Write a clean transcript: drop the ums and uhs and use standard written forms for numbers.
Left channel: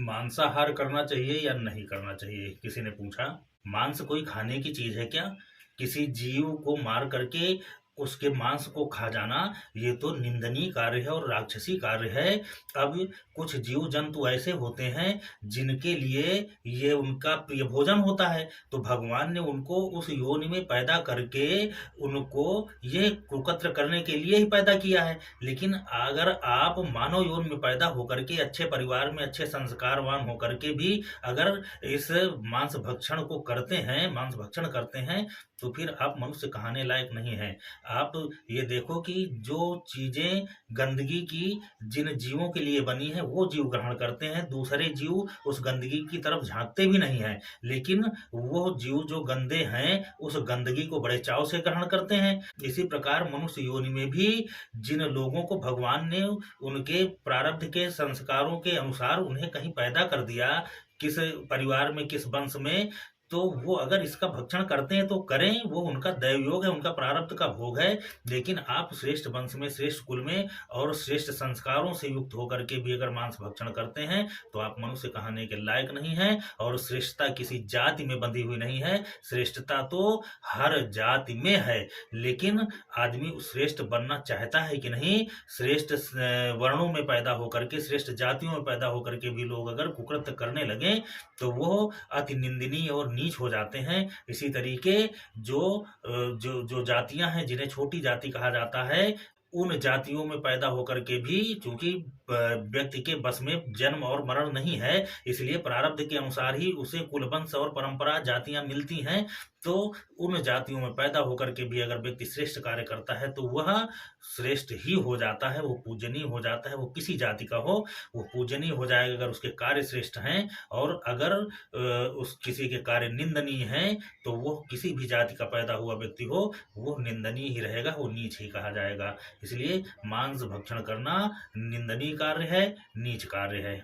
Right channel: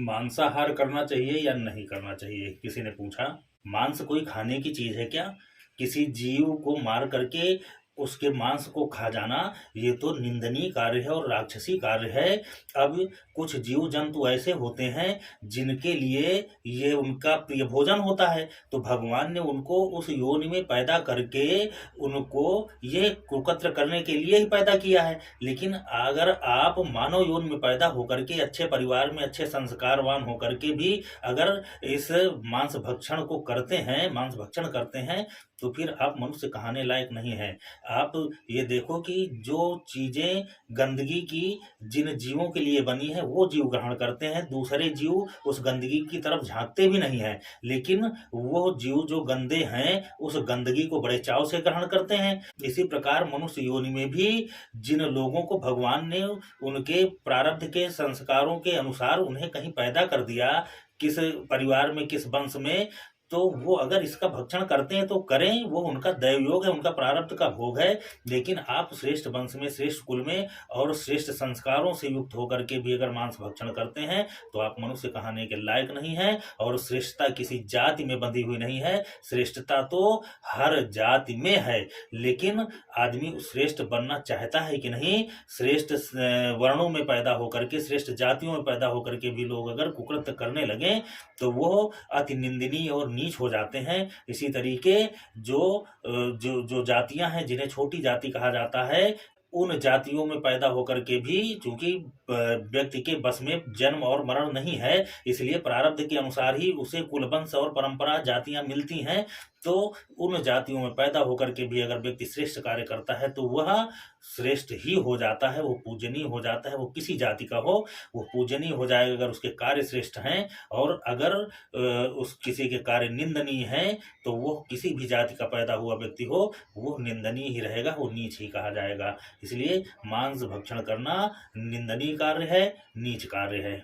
मांसाहार करना चाहिए या नहीं करना चाहिए, किसी ने पूछा। मांस कोई खाने की चीज है क्या? किसी जीव को मार करके उसके मांस को खा जाना, ये तो निंदनीय कार्य है और राक्षसी कार्य है। अब कुछ जीव जंतु ऐसे होते हैं जिनके लिए ये उनका प्रिय भोजन होता है, तो भगवान ने उनको उस योनि में पैदा करके उनको ये कुकत्र करने के लिए ही पैदा किया है। लेकिन अगर आप मानव योनि में पैदा होकर के अच्छे परिवार में अच्छे संस्कारवान होकर के भी अगर इस मांस भक्षण को करते हैं, मांस भक्षण करते हैं, तो फिर आप मनुष्य कहाने लायक नहीं है। आप ये देखो कि जो चीजें गंदगी की जिन जीवों के लिए बनी है वो जीव ग्रहण करते हैं, दूसरे जीव उस गंदगी की तरफ झांकते भी नहीं है। लेकिन वो जीव जो गंदे हैं उस गंदगी को बड़े चाव से ग्रहण करते हैं। इसी प्रकार मनुष्य योनि में भी जिन लोगों को भगवान ने उनके प्रारब्ध के संस्कारों के अनुसार उन्हें कहीं पैदा कर दिया, किस परिवार में किस वंश में, तो वो अगर इसका भक्षण करते हैं तो करें, वो उनका दैवयोग है, उनका प्रारब्ध का भोग है। लेकिन आप श्रेष्ठ वंश में, श्रेष्ठ कुल में और श्रेष्ठ संस्कारों से युक्त होकर के भी अगर मांस भक्षण करते हैं तो आप मनुष्य कहाने के लायक नहीं है। और श्रेष्ठता किसी जाति में बंधी हुई नहीं है, श्रेष्ठता तो हर जाति में है। लेकिन आदमी श्रेष्ठ बनना चाहता है कि नहीं? श्रेष्ठ वर्णों में पैदा होकर के, श्रेष्ठ जातियों में पैदा होकर के भी लोग अगर कुकृत्य करने लगे तो वो अति निंदनीय और नीच हो जाते हैं। इसी तरीके जो जो जातियां हैं जिन्हें छोटी जाति कहा जाता है, उन जातियों में पैदा होकर के भी चूंकि व्यक्ति के बस में जन्म और मरण नहीं है, इसलिए प्रारब्ध के अनुसार ही उसे कुलवंश और परंपरा जातियां मिलती हैं। तो उन जातियों में पैदा होकर के भी अगर व्यक्ति श्रेष्ठ कार्य करता है तो वह श्रेष्ठ ही हो जाता है, वो पूजनीय हो जाता है। वो किसी जाति का हो वो पूजनीय हो जाएगा अगर उसके कार्य श्रेष्ठ हैं। और अगर उस किसी के कार्य निंदनीय हैं तो वो किसी भी जाति का पैदा हुआ व्यक्ति हो वो निंदनीय ही रहेगा, वो नीच ही कहा जाएगा। इसलिए मांस भक्षण करना निंदनीय कार्य है, नीच कार्य है।